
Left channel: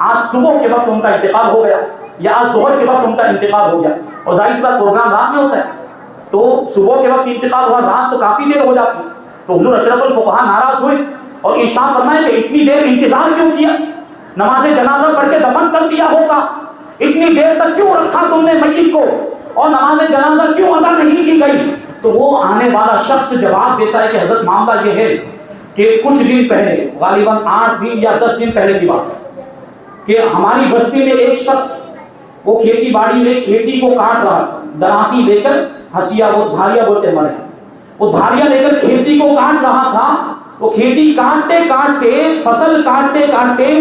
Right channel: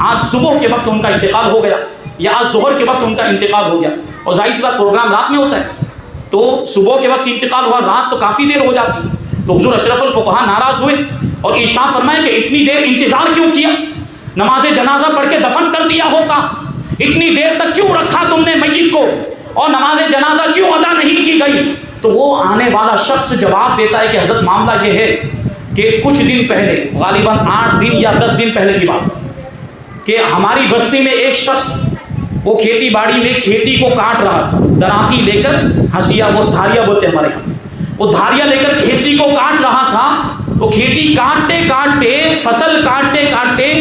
آج صبح کے وقت ان کا انتقال ہو گیا یا آج ظہر کے وقت ان کا انتقال ہو گیا, اور ظاہر سی بات پروگرام رات میں ہوتا ہے تو صبح کے وقت انتقال ہوا, رات تو کافی دیر ہو جاتی. تو حضور اشرف الفقہاء ناراض ہوئے اور ارشاد فرمائے کہ اتنی دیر انتظار کیوں کیا, نماز جنازہ پڑھ کے دفن کر دیا ہوتا, اتنی دیر تک کیوں رکھا تم نے میت کو, اور نماز جنازہ کیوں ادا نہیں کی گئی. تو وہ آنے والا شخص جواب دیتا ہے کہ حضرت معاملہ یہ ہے کہ کچھ دن پہلے, غالباً 8 دن یا 10 دن پہلے کی بات, کہ ہماری بستی میں ایک شخص وہ کھیتی باڑی میں کھیتی کو کاٹ رہا تھا, دراتی لے کر, ہنسیا وہ دھاریا بولتے ہیں ہمارے, وہ دھاریا لے کر کھیتی کو کاٹ رہا تھا. وہ کھیتی کاٹتے کاٹتے, فصل کاٹتے کاٹتے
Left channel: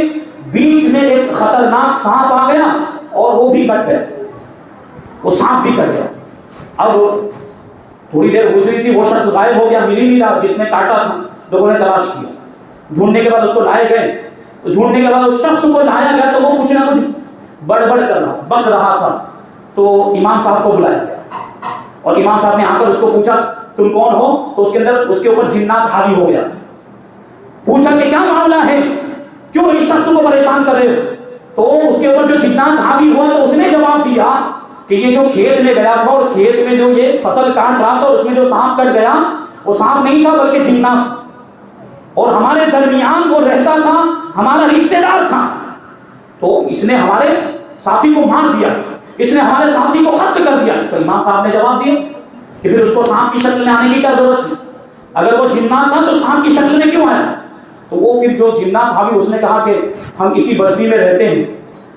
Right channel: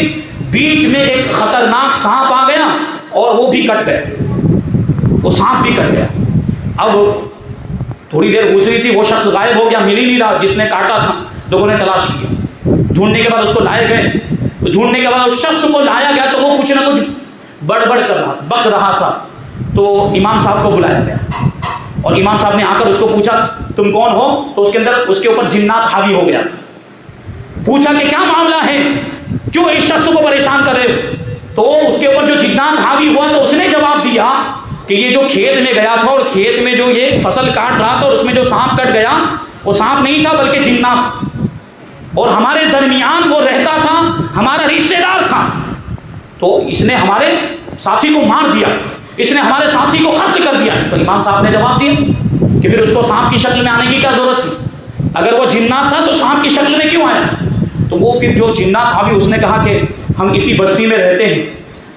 بیچ میں ایک خطرناک سانپ آ گیا اور وہ بھی کٹ گئے, وہ سانپ بھی کٹ گیا. اب تھوڑی دیر گزری تھی, وہ شخص غائب ہو گیا, مل ہی نہیں رہا جس نے کاٹا تھا. لوگوں نے تلاش کیا, ڈھونڈنے کے بعد اس کو لائے گئے. ڈھونڈنے کے بعد اس شخص کو لایا گیا تو وہ کچھ نہ کچھ بڑبڑ کر رہا, بک رہا تھا. تو امام صاحب کو بلایا گیا اور امام صاحب نے آ کر اس کو پوچھا تم کون ہو, تو اس کے اندر اس کے اوپر جنات حاوی ہو گیا تھا. پوچھا کہ کیا معاملہ ہے, کیوں اس شخص کو پریشان کر رہے ہو. تو اس کے اوپر جو جنات حاوی ہوا تو اس نے جواب دیا کہ یہ جو کھیت میں گیا تھا اور کھیت میں جو یہ فصل کاٹ رہا تھا اور اس میں جو سانپ کٹ گیا وہ سانپ نہیں تھا بلکہ جنات تھا, اور ہمارے درمیان وہ رہتا تھا, ہمارا رشتہ دار تھا. تو اس نے ہمارے ساتھی کو مار دیا, اس نے ہمارے ساتھی کو قتل کر دیا. تو امام صاحب نے جواب دیا کہ پھر اس کو سانپ کی شکل میں آنے کی کیا ضرورت تھی, اگر وہ جنات تھا تو سانپ کی شکل میں کیوں آیا. تو وہ پھر جو جنات حاوی اس نے کہا کہ ہم اسی بستی میں رہتے ہیں,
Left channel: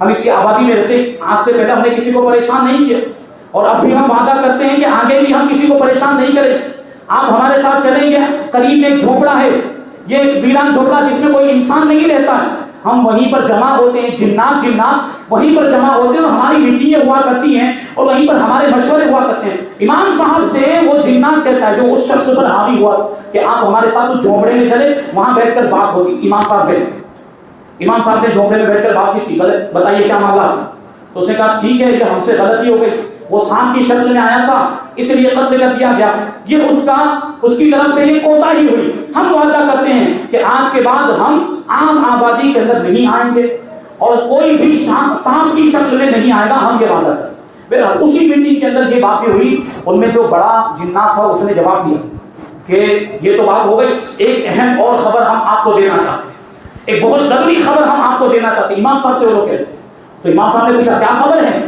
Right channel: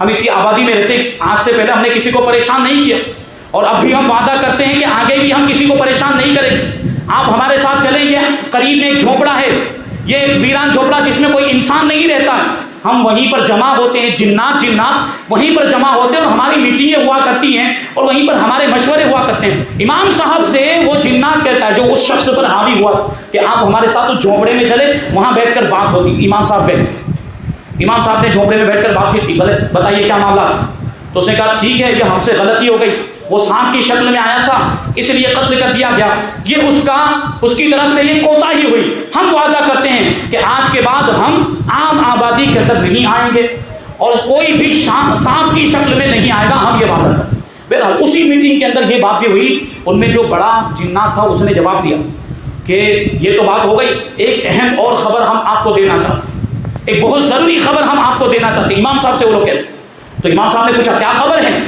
ہم اسی آبادی میں رہتے ہیں, آج سے پہلے ہم نے کسی کو پریشان نہیں کیا اور اب بھی ہم وعدہ کرتے ہیں کہ آگے بھی ہم کسی کو پریشان نہیں کریں. آپ ہمارے ساتھ چلیں گے, قریب ایک جھوپڑا ہے, یہ ویران جھوپڑا جس میں کوئی انسان نہیں رہتا, ہم وہیں پر جمع ہوتے ہیں, جنات وہیں پر جمع ہوتے ہیں اور ہماری میٹنگیں ہوا کرتی ہیں اور وہیں پر ہمارے مشورے ہوا کرتے ہیں. امام صاحب سے وہ جنات کہتا ہے جو اس شخص پر حاوی ہوا کہ آپ ہمارے ساتھ اس جھوپڑے میں چلے, وہاں بیٹھ کر بات ہوتی. امام صاحب نے جھوپڑے میں بیٹھ کر بات چیت کی, بتائیے کیا معاملہ تھا. تو اس نے کہا ٹھیک ہے کہ ہم سے غلطی ہو گئی, وہ سانپ کی شکل میں آیا تھا اس لیے قتل کر دیا گیا, یہ اس کی طرف سے یہ کوتاہی ہوئی. ہم وعدہ کرتے ہیں کہ آج کے بعد ہم عام آبادی کے اندر نہیں آئیں گے اور کوئی بھی سانپ کی شکل میں نہیں آئے گا, ہم یہ وعدہ کرتے ہیں. بہرحال اسی میٹنگ کے اندر یہ بات بھی ہوئی. ان میں جو بڑا جنات تھا اس نے جواب دیا کہ یہ تو بات ہو گئی, ایک اہم اور خبر ہم آپ کو دینا چاہتے ہیں, ایک بہت ضروری خبر ہم آپ کو دینا چاہتے ہیں. امام صاحب سے وہ لوگ کہتے. تو امام صاحب نے پوچھا کیا خبر ہے.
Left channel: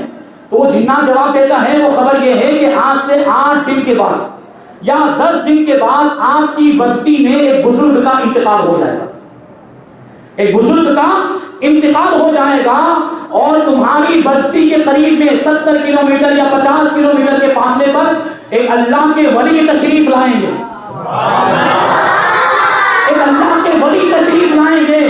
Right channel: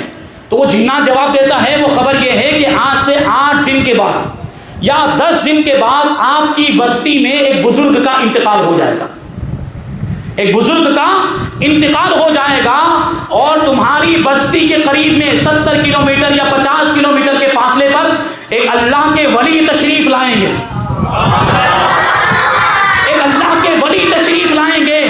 تو وہ جنات جواب دیتا ہے, وہ خبر یہ ہے کہ آج سے 8 دن کے بعد یا 10 دن کے بعد آپ کی بستی میں ایک بزرگ کا انتقال ہو جائے گا, ایک بزرگ کا انتقال ہو جائے گا اور تمہاری بستی کے قریب میں 70 کلومیٹر یا 50 کلومیٹر کے فاصلے پر ایک اللہ کے ولی تشریف لائیں گے, ایک اللہ کے ولی تشریف لائیں گے.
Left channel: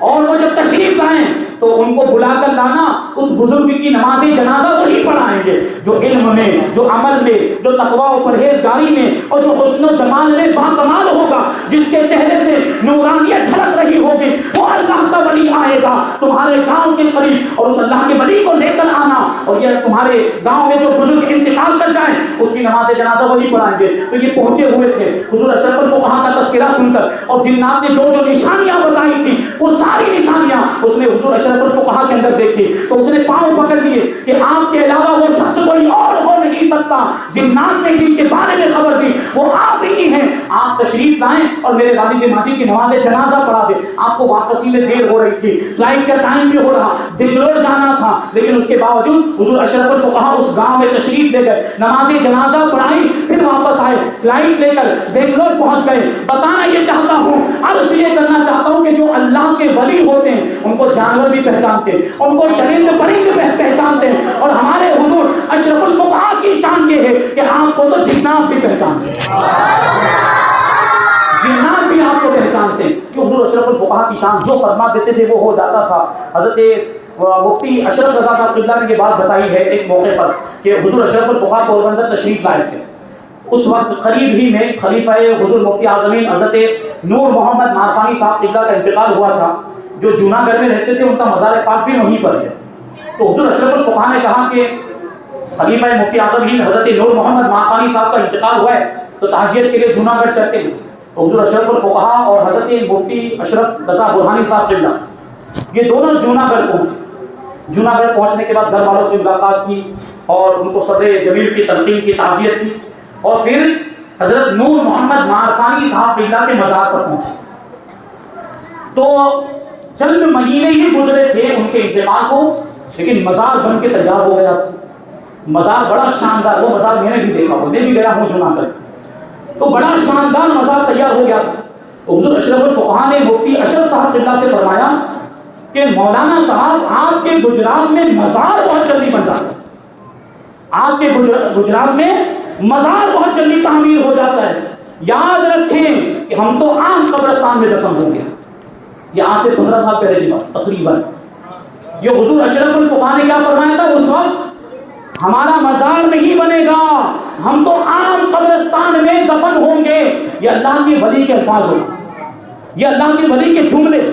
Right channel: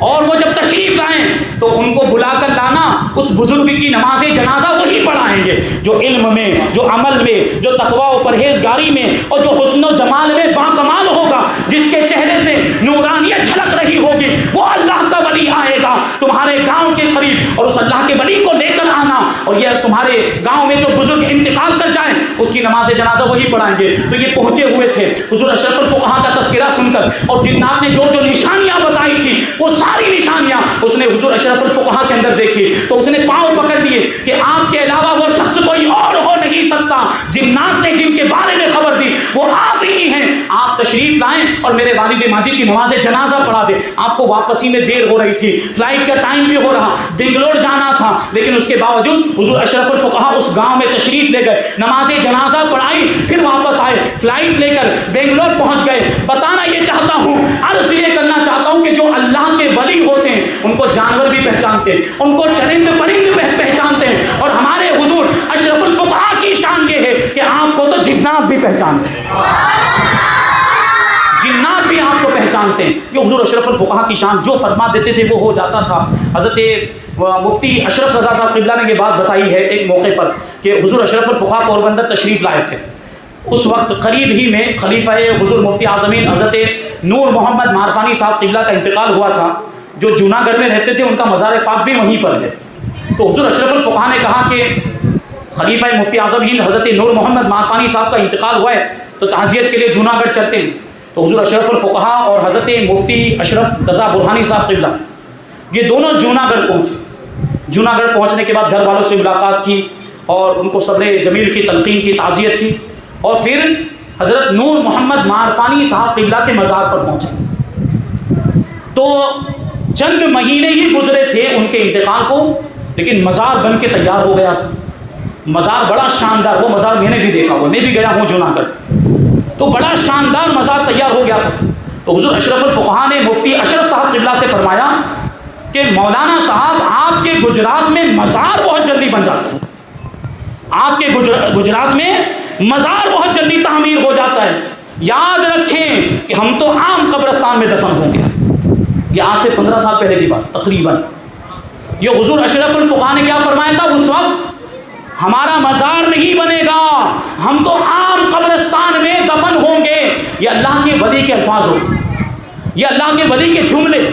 اور وہ جب تشریف لائیں تو ان کو بلا کر لانا, اس بزرگ کی نماز جنازہ وہی پڑھائیں گے جو علم میں، جو عمل میں، جو تقوی و پرہیزگاری میں اور جو حسن و جمال میں باکمال ہوگا، جس کے چہرے سے نورانیت جھلک رہی ہوگی، وہ اللہ کا ولی آئے گا تمہارے گاؤں کے قریب، اور اس اللہ کے ولی کو لے کر آنا، اور یہ تمہارے گاؤں میں جو بزرگ انتقال کر جائیں ان کی نماز جنازہ وہی پڑھائیں گے۔ تو یہ پہنچے ہوئے تھے حضور اشرف الفقہاء کا تذکرہ سن کر، اور جنات نے جو جو نشانیاں بتائی تھی وہ ساری نشانیاں اس نے حضور اشرف الفقہاء کے اندر دیکھی، تو اس نے پاؤں پکڑ لیے کہ آپ کے علاوہ وہ شخص کوئی اور ہو نہیں سکتا، جنات نے جن کے بارے میں خبر دی وہ آپ ہی ہیں، آپ تشریف لائیں اور میرے والد ماجد کی نماز جنازہ پڑھا دیں۔ آپ کو واپسی میں دیر ہو رہی تھی، فلائٹ کا ٹائم بھی ہو رہا، بنگلور جانا تھا، لیکن اس کے باوجود حضور اشرف الفقہاء اس گاؤں میں تشریف لے گئے، نماز جنازہ پڑھائی، پھر واپس آئے، فلائٹ لے کر بنگلور پہنچ گئے۔ بتانا یہ چاہتا ہوں، عرض یہ کرنا چاہتا ہوں کہ جو اللہ کے ولی ہوتے ہیں ان کو جانور بھی پہچانتے ہیں، ان کو چرند پرند پہچانتے ہیں، اور ہمارے حضور اشرف الفقہاء کی شان یہ ہے کہ آپ کو تو جنات بھی پہچانتے ہیں، جنات بھی آپ کو پہچانتے ہیں، کہ حضور اشرف الفقہاء کی شان جو فرما دیتے تھے وہ ہو جاتا تھا۔ حضرت مفتی اشرف رضا صاحب قبلہ نے یہ بات بتائی ہے ایک موقع پر کہ حضور اشرف الفقہاء پوربندر تشریف لائے تھے، اس وقت قریب ہی میں خلیفہ حضور مفتی اعظمین حضرت نور محمد مارفانی صاحب قبلہ کا انتقال ہوا تھا، جو جوناگڑھ میں رہتے تھے، ان کا مزار پاک بھی وہیں پر ہے۔ تو حضور اشرف الفقہاء نے کہا کہ خلیفہ مفتی اعظم ہند حضرت نور محمد مارفانی صاحب کا انتقال ہوا ہے تو تعزیت کے لیے جوناگڑھ چلتے ہیں۔ تو حضور اشرف الفقہاء اور حضرت مفتی اشرف رضا برہانی صاحب قبلہ یہ دونوں جوناگڑھ پہنچے۔ جوناگڑھ پہنچنے کے بعد گھر والوں سے ملاقات کی اور ان کو صبر جمیل کی تلقین کی، تعزیت کی، اور پھر حضرت نور محمد مارفانی صاحب قبلہ کے مزار پر پہنچے۔ تو چند مہینے ہی گزرے تھے ان کے انتقال کو، لیکن مزار بن کے تیار ہو گیا تھا۔ مزار بڑا شاندار، وہ مزار میں نے بھی دیکھا ہوا، میں بھی گیا ہوں جوناگڑھ، تو بڑا شاندار مزار تیار ہو گیا تھا۔ تو حضور اشرف الفقہاء نے مفتی اشرف صاحب قبلہ سے فرمایا کہ مولانا صاحب آپ کے گجرات میں مزار بہت جلدی بن جاتا ہے، آپ کے گجرات میں مزار بہت جلدی تعمیر ہو جاتا ہے، یاد رکھیں کہ ہم تو عام قبرستان میں دفن ہوں گے۔ یہ آج سے 15 سال پہلے کی بات تقریباً، یہ حضور اشرف الفقہاء نے کیا فرمایا تھا اس وقت، ہمارا مزار نہیں بنے گا، ہم تو عام قبرستان میں دفن ہوں گے۔ یہ اللہ کے ولی کے الفاظ ہو، یہ اللہ کے ولی کے جملے۔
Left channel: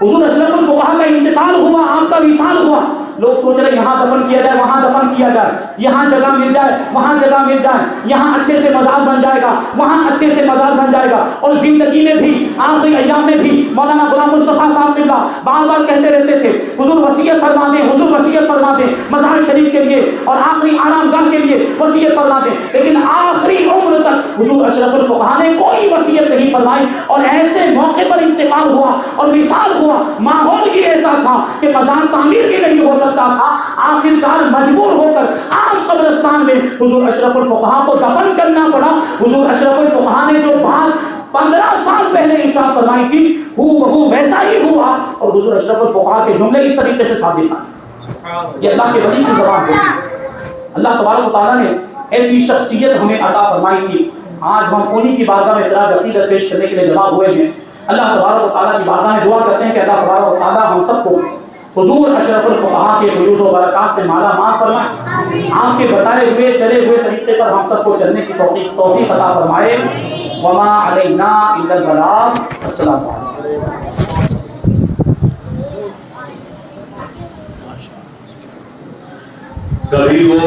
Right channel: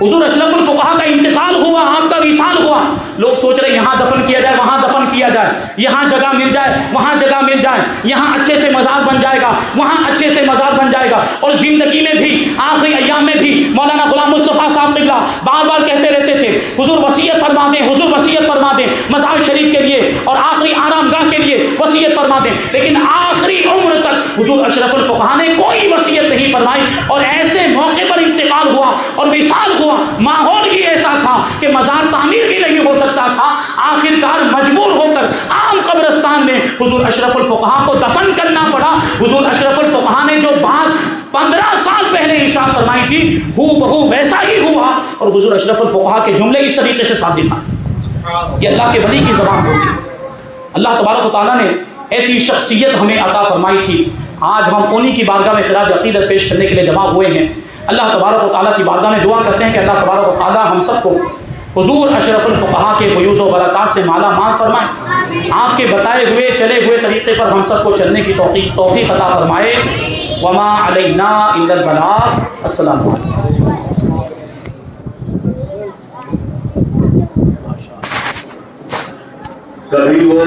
حضور اشرف الفقہاء کا انتقال ہوا، آپ کا وصال ہوا، لوگ سوچ رہے یہاں دفن کیا جائے، وہاں دفن کیا جائے، یہاں جگہ مل جائے، وہاں جگہ مل جائے، یہاں اچھے سے مزار بن جائے گا، وہاں اچھے سے مزار بن جائے گا۔ اور زندگی میں بھی، آخری ایام میں بھی مولانا غلام مصطفیٰ صاحب قبلہ بار بار کہتے رہتے تھے حضور وصیت فرما دیں، حضور وصیت فرما دیں مزار شریف کے لیے اور آخری آرام گاہ کے لیے وصیت فرما دیں، لیکن آخری عمر تک حضور اشرف الفقہاء نے کوئی وصیت نہیں فرمائی، اور ایسے موقع پر انتقال ہوا اور وصال ہوا، ماحول ہی ایسا تھا کہ مزار تعمیر بھی نہیں ہو سکتا تھا، آخرکار مجبور ہو کر عام قبرستان میں حضور اشرف الفقہاء کو دفن کرنا پڑا۔ حضور اشرف الفقہاء نے جو بات 15 سال پہلے ارشاد فرمائی تھی ہو بہو ویسا ہی ہوا، اور حضور اشرف الفقہاء کے جملے اس طریقے سے صادق ہیں۔ یہ اللہ کے ولی کی زبان ہوتی ہے۔ اللہ تبارک و تعالیٰ نے ایسی شخصیت ہمیں عطا فرمائی تھی، آج ہم انہی کی بارگاہ میں خراج عقیدت پیش کرنے کے لیے جمع ہوئے ہیں۔ اللہ تبارک و تعالیٰ کی بارگاہ میں دعا کرتے ہیں کہ اللہ تبارک و تعالیٰ ہم سب کو حضور اشرف الفقہاء کے فیوز و برکات سے مالا مال فرمائے، آپ کے بتائے ہوئے چلے ہوئے طریقے پر ہم سب کو چلنے کی توفیق عطا فرمائے۔ وما علینا الا البلاغ۔ السلام علیکم۔ کبھی وہ